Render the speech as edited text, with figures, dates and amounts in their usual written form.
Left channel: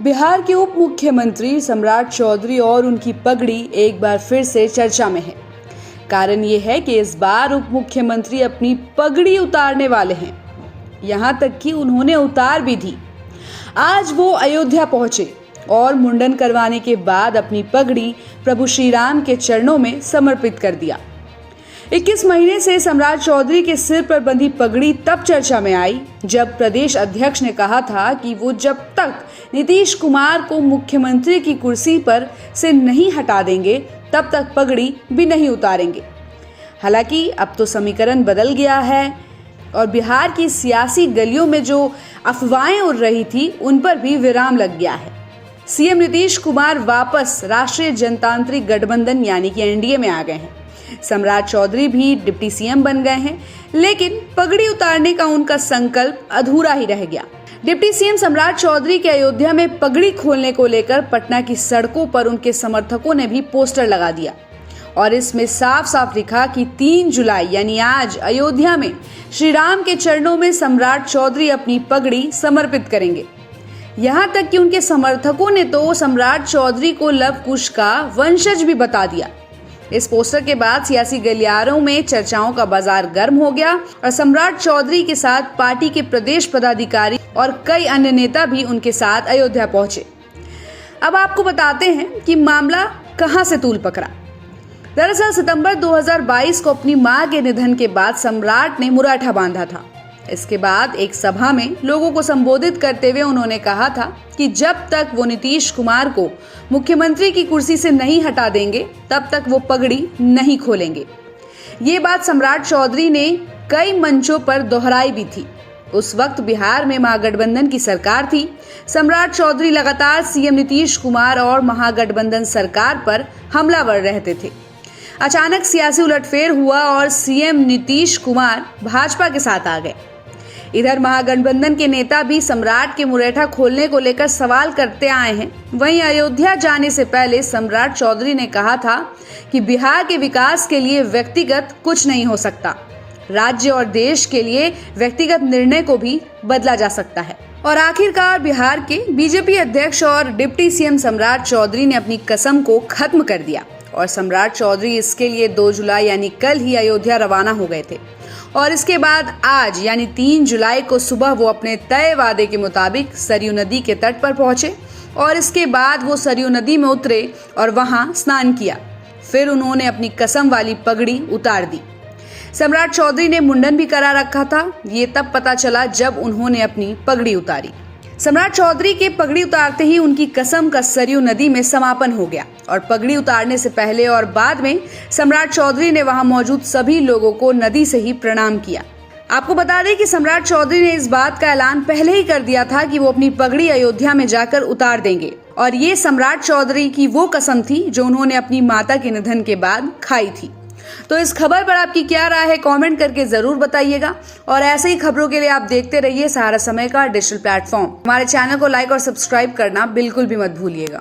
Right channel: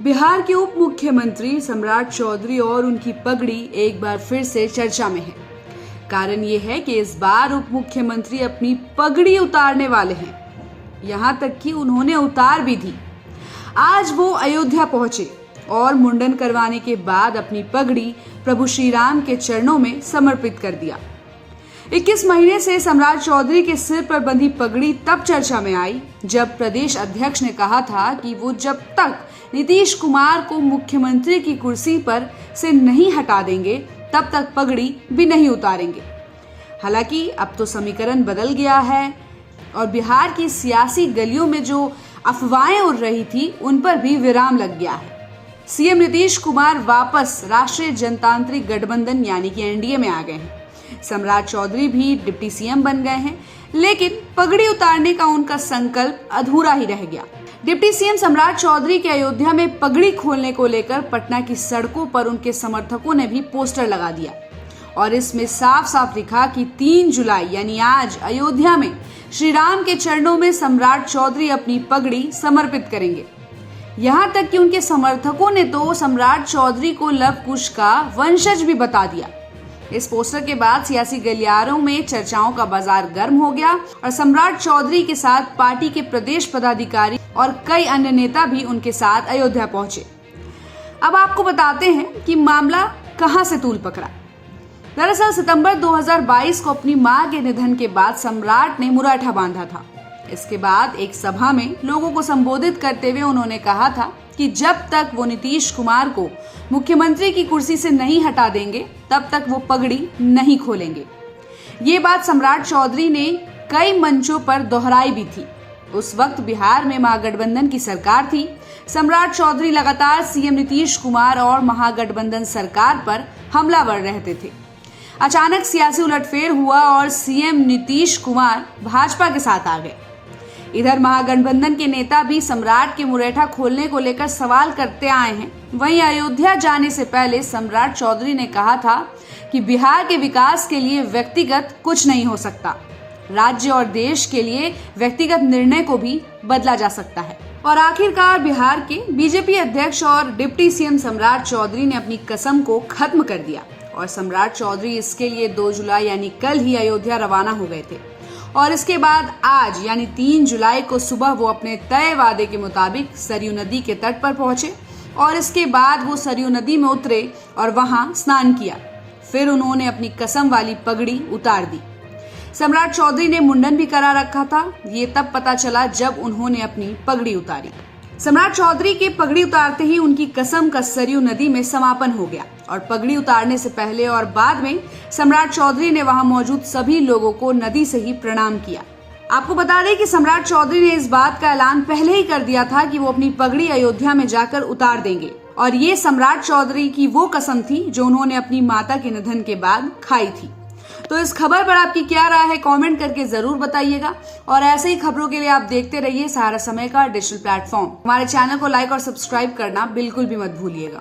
बिहार के उप मुख्यमंत्री सम्राट चौधरी और उनकी पगड़ी एक बार फिर से चर्चा में है। कारण ये है कि इस बार उप मुख्यमंत्री अपनी पगड़ी उतारने वाले हैं। यहाँ तक कि उन्होंने उतार भी दी। आज वो अयोध्या पहुंचे और मुंडन करवाने के बाद अपनी पगड़ी प्रभु श्री राम के चरणों में समर्पित कर दिया। 21 महीने से सम्राट चौधरी के सिर पर बंधी पगड़ी तब चर्चा में आई जब प्रदेश अध्यक्ष ने कहा था कि वो जब तक नीतीश कुमार को मुख्यमंत्री की कुर्सी पर से नहीं हटा देंगे तब तक पगड़ी भी नहीं उतारेंगे। हालांकि अब तो समीकरण बदल गया है और बिहार की सियासी गलियों में जो अफवाहें उड़ रही थी उन पर भी विराम लग गया है। सीएम नीतीश कुमार वापस राष्ट्रीय जनतांत्रिक गठबंधन यानी कि एनडीए में आ गए हैं। सम्राट चौधरी भी डिप्टी सीएम बन गए हैं, लेकिन पगड़ी उतारने का उनका संकल्प अधूरा ही रह गया। डिप्टी सीएम सम्राट चौधरी के अयोध्या में पगड़ी खोलने को लेकर पटना की सड़कों पर उनके समर्थकों ने भी पोस्टर लगा दिया और इसमें साफ साफ लिखा कि 3 जुलाई यानी आज अयोध्या में श्री राम के चरणों में सम्राट चौधरी अपनी पगड़ी समर्पित करेंगे। यहाँ तक कि उनके समर्थकों ने तो सम्राट चौधरी को लव कुश का वंशज भी बता दिया। इस पोस्टर के बाद सियासी गलियारों में चर्चाओं का बाजार गर्म हो गया और सम्राट चौधरी के साथ पार्टी के प्रदेश पदाधिकारी और कई अन्य नेता भी उनके साथ अयोध्या पहुंचे। अब आपको बताते हैं कि मामला कहां से तूल पकड़ा। दरअसल सितंबर 2022 को अपनी मां के निधन के बाद सम्राट ने मुराठा बांधा था। इसके बाद एक सभा में लोगों को संबोधित करते हुए उन्होंने कहा था कि जब तक वो नीतीश कुमार को मुख्यमंत्री की कुर्सी से नहीं हटा देंगे तब तक वो पगड़ी नहीं खोलेंगे। ये बात सम्राट चौधरी ने कई मंचों पर दोहराई भी थी। उस वक्त बिहार में महागठबंधन की सरकार थी। सम्राट चौधरी लगातार सीएम नीतीश कुमार और महागठबंधन सरकार पर हमलावर रहते थे। अचानक सियासी उलटफेर हुआ और सीएम नीतीश कुमार भाजपा के साथ आ गए। इधर महागठबंधन के नेता भी सम्राट के मुरेठा खोलने को लेकर सवाल करते आए हैं। वहीं अयोध्या जाने से पहले सम्राट चौधरी ने कहा था कि बिहार के विकास के लिए व्यक्तिगत कुछ नहीं हो सकता, राज्य और देश के लिए व्यक्तिगत निर्णय को भी बदला जा सकता है। और आखिरकार बिहार के बीजेपी अध्यक्ष और डिप्टी सीएम सम्राट चौधरी ने अपनी कसम को खत्म कर दिया और सम्राट चौधरी इसके लिए 2 जुलाई यानी कल ही अयोध्या रवाना हो गए थे और इसके बाद आज यानी 3 जुलाई को सुबह वो अपने तय वादे के मुताबिक सरयू नदी के तट पर पहुंचे और इसके बाद वो सरयू नदी में उतरे और वहां स्नान किया। फिर उन्होंने अपनी कसम वाली पगड़ी उतार दी। सम्राट चौधरी ने मुंडन भी करा रखा था। ये तब पता चला जब उन्होंने अपनी पगड़ी उतारी। सम्राट चौधरी के पगड़ी उतारते ही उनकी कसम का सरयू नदी में समापन हो गया और पगड़ी उतारने से पहले और बाद में सम्राट चौधरी ने वहां मौजूद सभी लोगों को नदी से ही प्रणाम किया। आपको बता दें कि सम्राट चौधरी ने इस बात का ऐलान पहले ही कर दिया था कि वो अपनी पगड़ी अयोध्या में जाकर उतार देंगे और ये सम्राट चौधरी की वो कसम थी जो उन्होंने अपनी माता के निधन के बाद खाई थी। तो इस खबर पर आपकी क्या राय है, कमेंट करके जरूर बताइएगा और ऐसे ही खबरों के लिए आप देखते रहिए सहारा समय का डिजिटल प्लेटफॉर्म। हमारे चैनल को लाइक और सब्सक्राइब करना बिल्कुल भी मत भूलिएगा।